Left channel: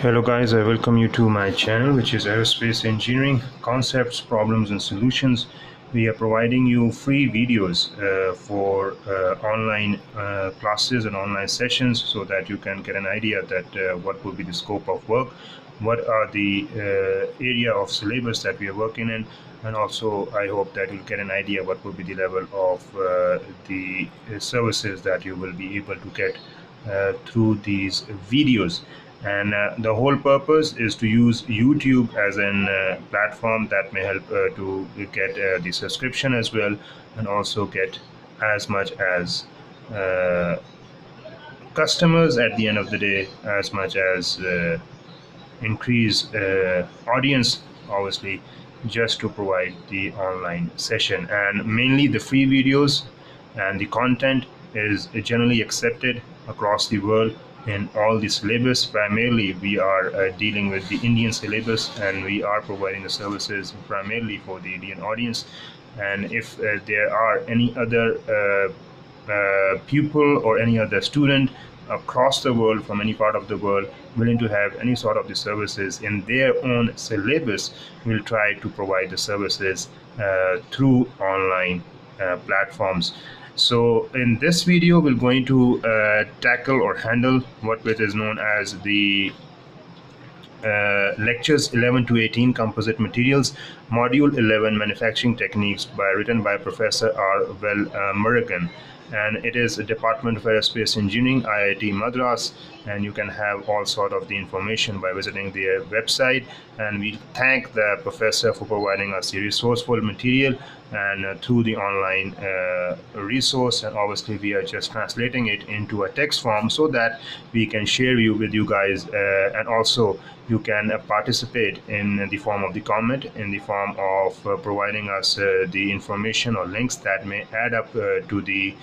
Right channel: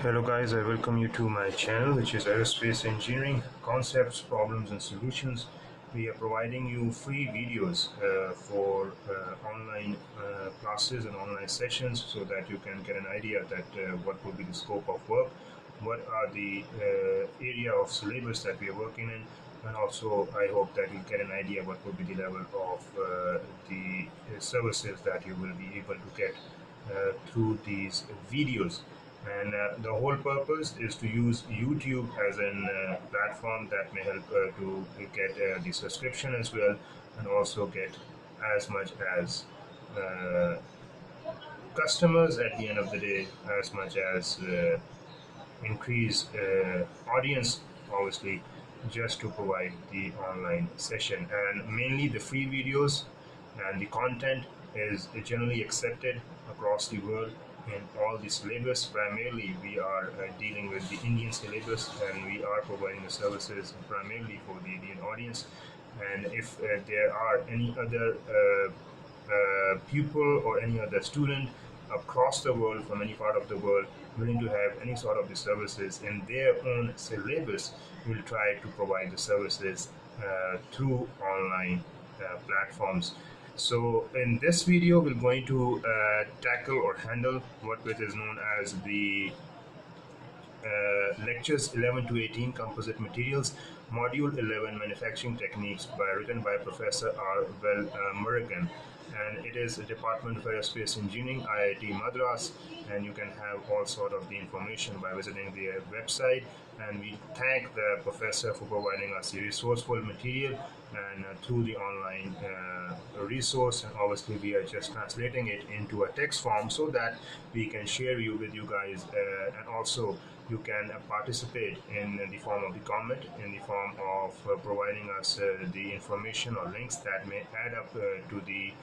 Hello guys, I welcome you to my channel, which is Aerospace Engineering Concepts, Problems and Solutions. We are providing you free videos for online classes and online sessions so that you can get an idea that what will be the scope of work, what are the area of syllabus that we are working in, and also I hope that you'll get an idea what will be the level of the services that you will be able to get through these videos. And the whole purpose is to use YouTube as an platform that may help to get the subscription as well, and also get as much as uh, customers at the end of the day, as much as increase audience, obviously, just to provide the online session. And mainly the free videos and the content is generally accepted across the world in all the syllabus. Primarily we are dealing with the Indian syllabus, and we are providing the services primarily for the Indian audience. And if there are any other pupil or any other student across the world, from any part of the world, willing to have any sort of the services in their own syllabus, we'll try to provide the services through online platforms. So in this video, we're going to tackle or handle what is known as the lectures 11 to 18, Composite Materials, Module 11, Manufacturing Techniques, written by Professor R. Velmurugan. And it is a Department of Aerospace Engineering, IIT Madras, and you can have all sort of the information by visiting their website. And we thank the professor for providing us the resourceful material and through the online resource. And obviously we are just translating it into a text form so that we can share with you guys, and also you can participate in the form of the comment, in the form of providing us the information or links that may add up to the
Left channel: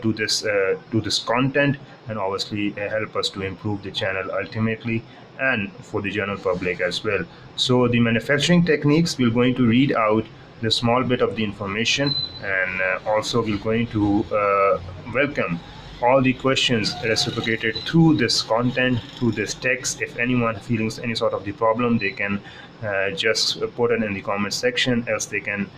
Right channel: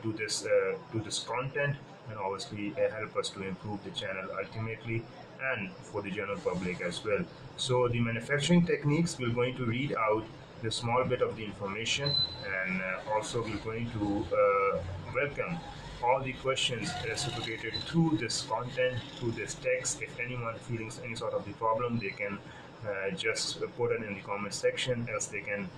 to this content, and obviously help us to improve the channel ultimately, and for the general public as well. So the manufacturing techniques, we're going to read out the small bit of the information, and also we're going to welcome all the questions reciprocated through this content, through this text. If anyone feeling any sort of the problem, they can just put it in the comment section, else they can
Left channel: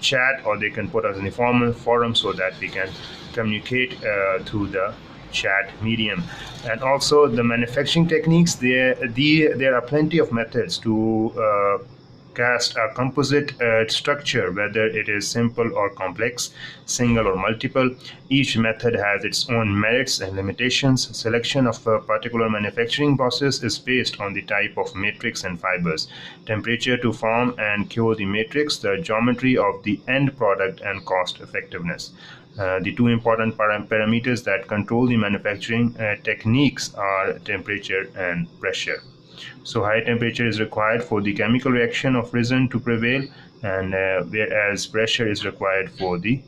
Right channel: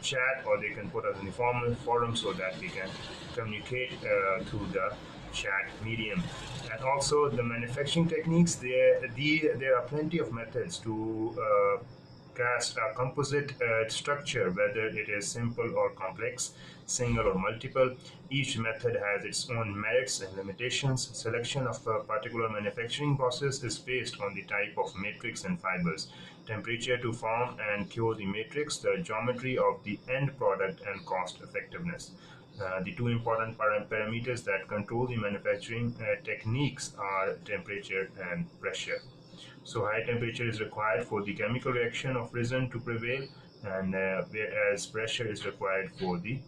chat, or they can put us in the forum so that we can communicate through the chat medium. And also the manufacturing techniques, there are plenty of methods to cast a composite structure, whether it is simple or complex, single or multiple. Each method has its own merits and limitations. Selection of a particular manufacturing process is based on the type of matrix and fibers, temperature to form and cure the matrix, the geometry of the end product, and cost effectiveness. The two important parameters that control the manufacturing techniques are temperature and pressure. So high temperature is required for the chemical reaction of resin to prevail, and whereas pressure is required for the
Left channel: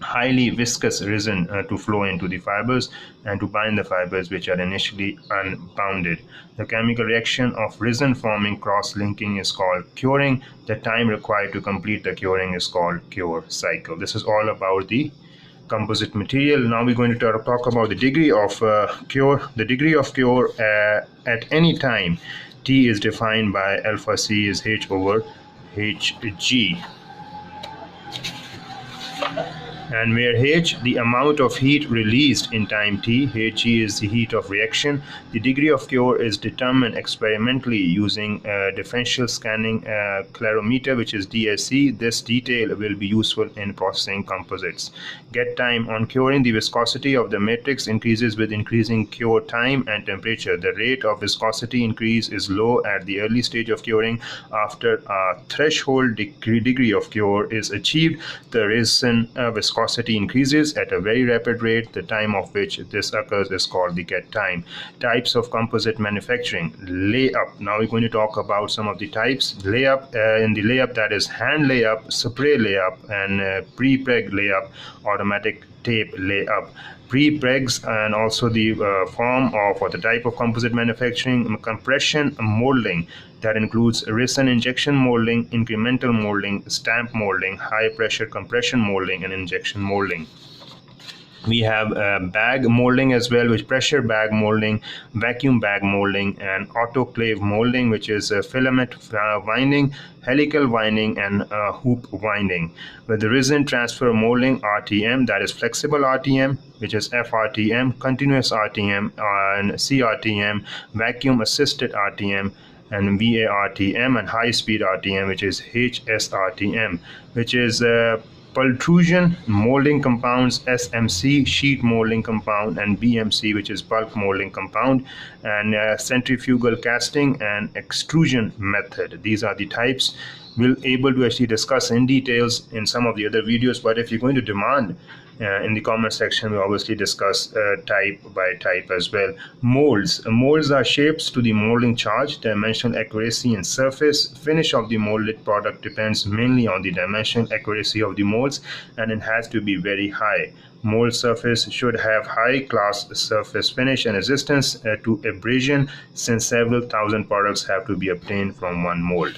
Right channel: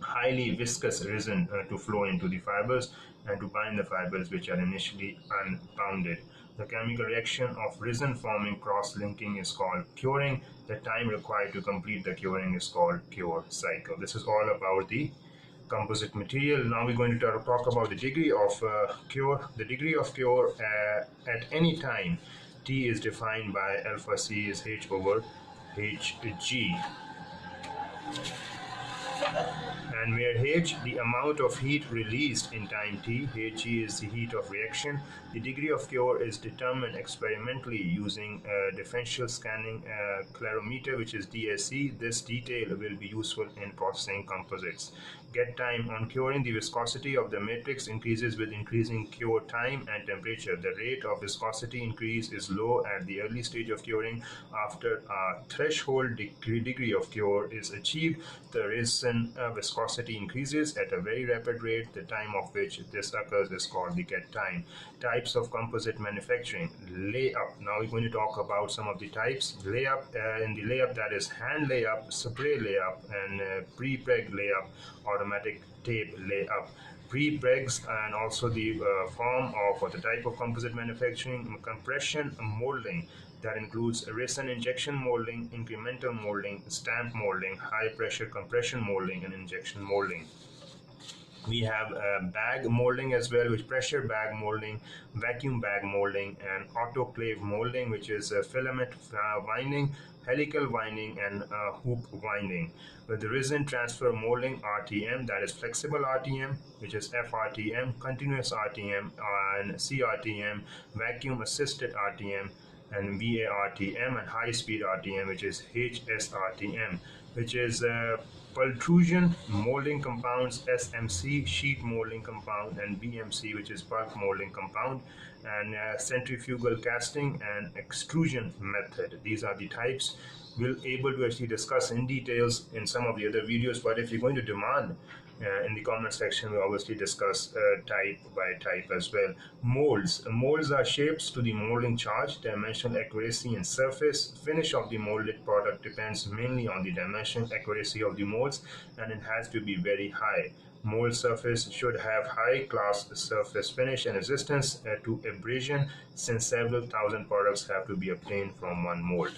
highly viscous resin to flow into the fibers and to bind the fibers which are initially unbounded. The chemical reaction of resin forming cross-linking is called curing. The time required to complete the curing is called cure cycle. This is all about the composite material. Now we're going to talk about the degree of cure. The degree of cure at any time T is defined by alpha C is H over Hg, and where H, the amount of heat released in time t, Hg is the heat of reaction. The degree of cure is determined experimentally using differential scanning clarometer, which is DSC. This detail will be useful in processing composites. Get time. On curing, the viscosity of the matrix increases with increasing cure time and temperature. The rate of viscosity increase is low at the early stage of curing. After a threshold degree of cure is achieved, the resin viscosity increases at a very rapid rate. The time of which this occurs is called the get time. Types of composite manufacturing. Layup. Now we're going to talk about some of the types. Layup, in the layup, that is hand layup, spray layup, and pre-preg layup, automatic tape layup. Pre-pregs, and also the form of or the type of composite manufacturing. Compression molding, that includes resin injection molding, incremental molding, stamp molding, high pressure compression molding, and injection molding. We have bag molding as well, which pressure bag molding, vacuum bag molding, and autoclave molding, which is filament winding, helical winding, and hoop winding. With the resin transfer molding, RTM, that is flexible RTM, which is FRTM, continuous RTM, and CRTM, vacuum assisted RTM, and VARTM, and high speed RTM, which is HSRTM, which is pultrusion molding compounds, SMC sheet molding compound, and BMC, which is bulk molding compound, and centrifugal casting and extrusion method. These are the types. We'll able to actually discuss in details in some of the other videos, but if you're going to demand in the comment section, we obviously discuss type by type as well. Molds. Molds are shapes to the molding charge, dimensional accuracy, and surface finish of the molded product depends mainly on the dimensional accuracy of the molds, and it has to be very high. Mold surface should have high class surface finish and resistance to abrasion, since several thousand products have to be obtained from one mold.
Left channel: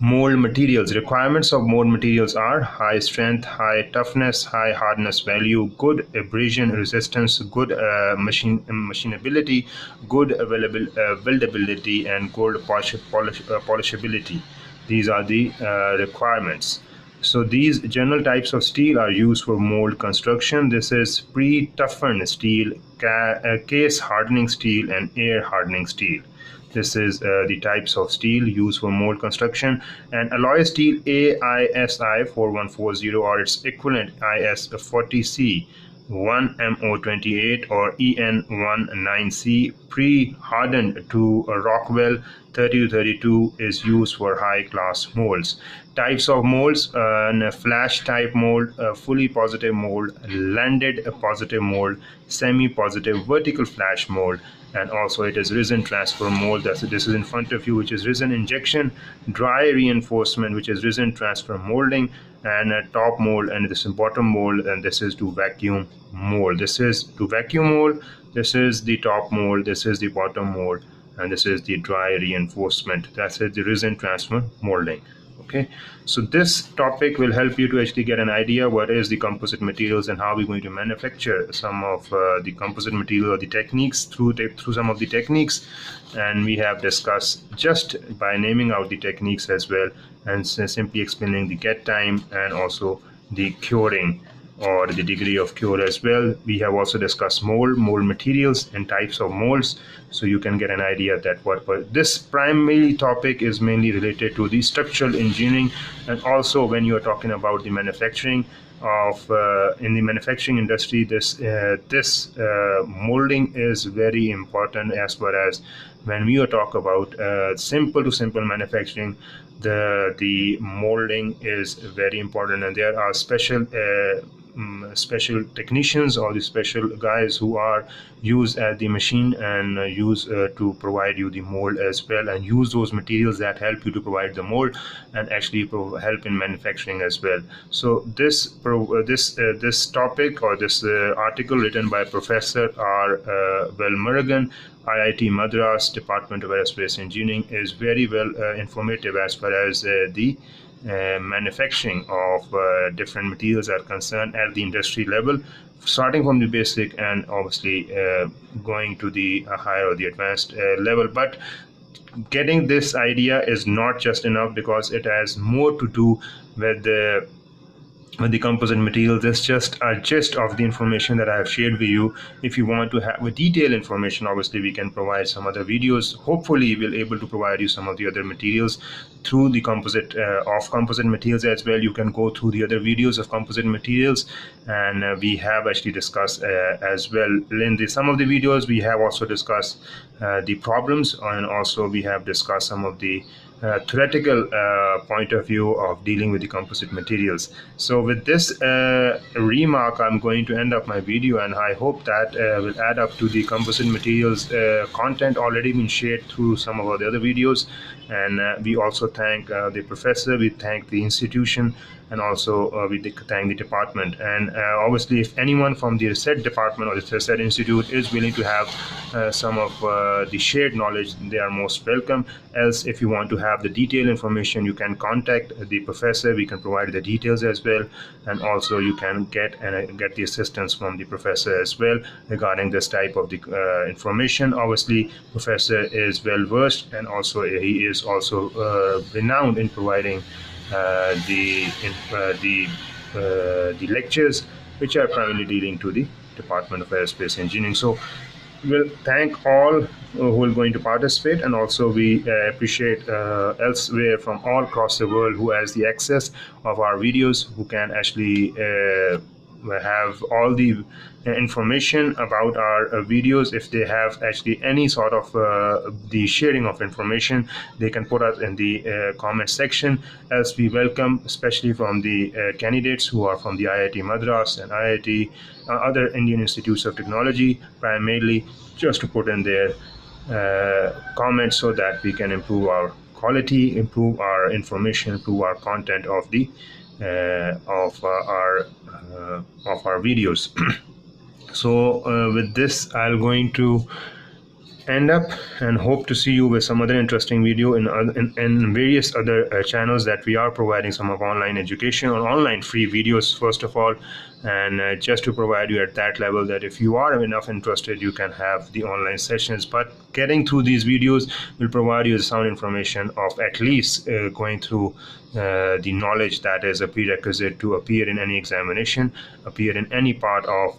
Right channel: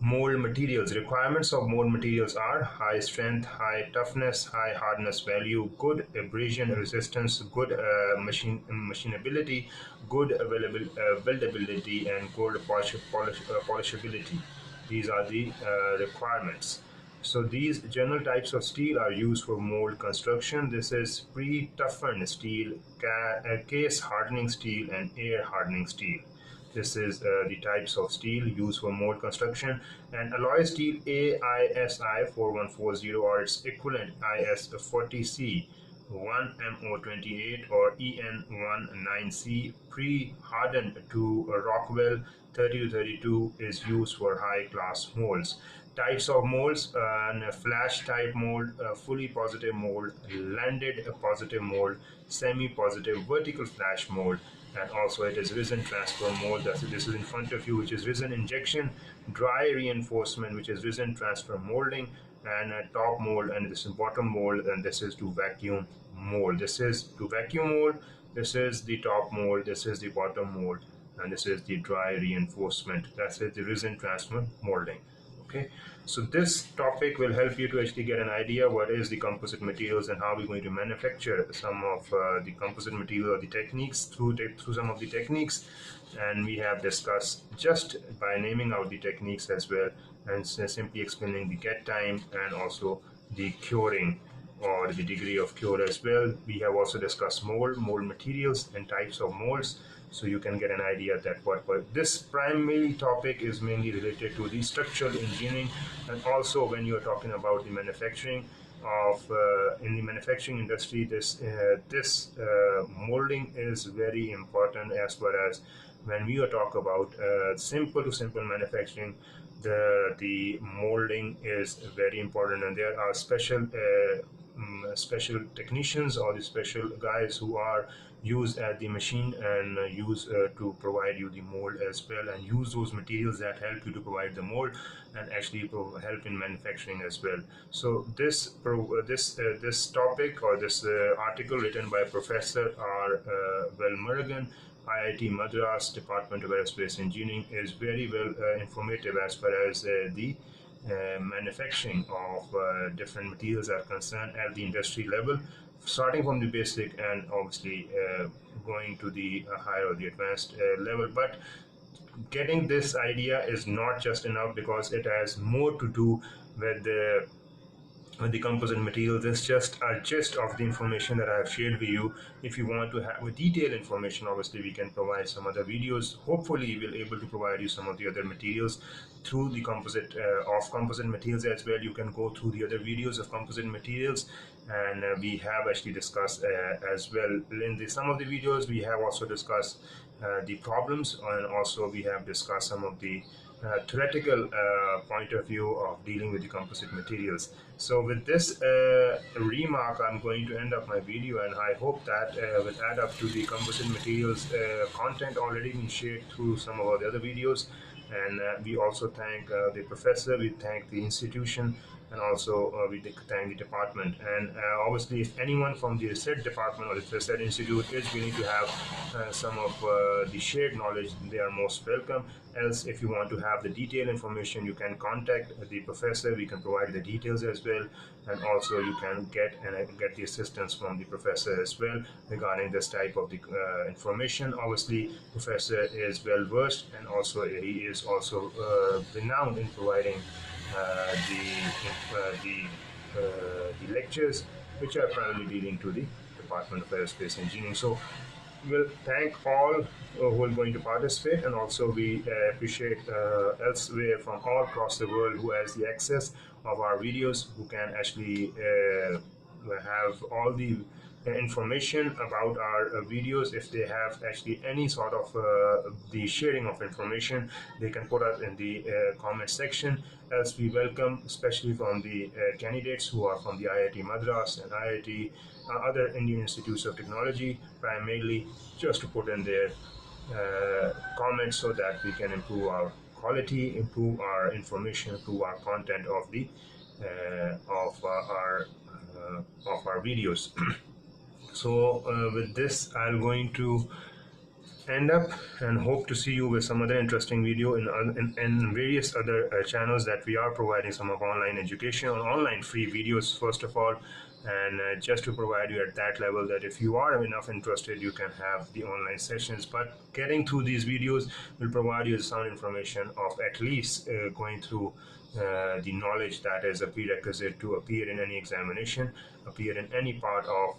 Mold materials. Requirements of mold materials are high strength, high toughness, high hardness value, good abrasion resistance, good machinability, good weldability, and good polishability. These are the requirements. So these general types of steel are used for mold construction. This is pre-toughened steel, case hardening steel, and air hardening steel. This is the types of steel used for mold construction. And alloy steel AISI 4140 or its equivalent IS 40C 1MO28 or EN19C pre-hardened to Rockwell 30-32 is used for high-class molds. Types of molds: flash type mold, fully positive mold, landed positive mold, semi-positive vertical flash mold, and also it is resin transfer mold. This is in front of you, which is resin injection, dry reinforcement, which is resin transfer molding, and top mold, and this is bottom mold, and this is to vacuum mold. This is to vacuum mold, this is the top mold, this is the bottom mold, and this is the dry reinforcement. That's it, the resin transfer molding. Okay, so this topic will help you to actually get an idea what is the composite materials and how we're going to manufacture some of the composite material or the techniques through some of the techniques. And we have discussed just by naming out the techniques as well, and simply explaining the get time and also the curing or the degree of cure as well. We have also discussed mold materials and types of molds, so you can get an idea that what this primary topic is mainly related to the structural engineering. And also when you are talking about the manufacturing of in the manufacturing industry, this molding is very important, as far as when we are talk about simple to simple manufacturing, the molding is very important, and there are special technicians or the special guys who are used at the machine and use to provide you the mold as well, and use those materials that help you to provide the mold and actually help in manufacturing as well. So this topic or this article written by Professor R. Velmurugan, IIT Madras, Department of Aerospace Engineering, is very well informative as far as the manufacturing of different materials are concerned at the industry level, starting from the basic and obviously going to the higher or the advanced level. But getting this idea is not just enough, because it has more to do with the composite materials. That's just a gist of the information that I have shared with you. If you want to have a detailed information, obviously we can provide some other videos. Hopefully we'll able to provide you some of the other materials through the composite materials as well. You can go through the other videos of composite materials, and we have actually discussed as well in some of the videos. We have also discussed the problems, and also we have discussed some of the theoretical point of view of dealing with the composite materials. So with this remark, I'm going to end up my video, and I hope that will add up to the composite materials content already been shared through some of the other videos. And we also thank the professor, we thank the institution and also we thank the department. And obviously, if anyone from the research department or the research institute is willing to have some of the shared knowledge, they are most welcome. Else, if you want to have the detailed information, you can contact the professor. We can provide the details as well, and also you can get the assistance from the professor as well regarding this type of the information. Obviously, professor is well versed, and also he is also renowned in providing the lectures, which are primarily dealing to the Department of Aerospace Engineering. So we'll thank all who are going to participate, and also we appreciate elsewhere from all across the world who has the access of our videos, who can actually have all the information about our videos. If they have actually any sort of the sharing of information, they can put us in the comment section. Else, we welcome, especially from the candidates who are from the IIT Madras and IIT other Indian institutes of technology, primarily just to put in their comments so that we can improve our quality, improve our information, improve our content of the of our videos. So with this, I'm going to end up, and hope to see you with some other interesting video in various other channels that we are providing some of online education or online free videos first of all, and just to provide you at that level that if you are enough interested, you can have the online sessions. But getting through these videos will provide you sound information of at least going through the knowledge that is a prerequisite to appear in any examination, appear in any part of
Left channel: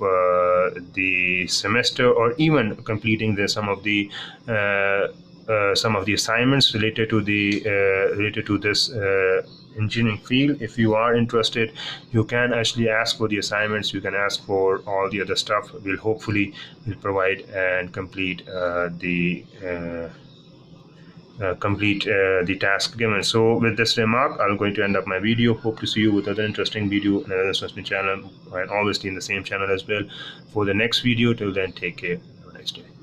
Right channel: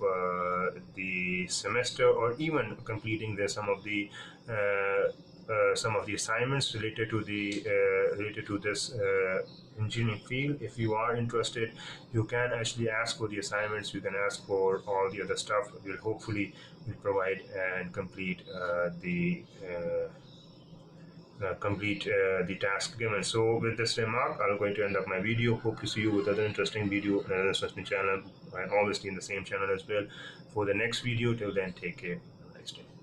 the semester, or even completing some of the assignments related to this engineering field. If you are interested, you can actually ask for the assignments, you can ask for all the other stuff. We'll hopefully provide and complete the task given. So with this remark, I'm going to end up my video. Hope to see you with other interesting video and another interesting channel, and obviously in the same channel as well for the next video. Till then, take care. Have a nice day.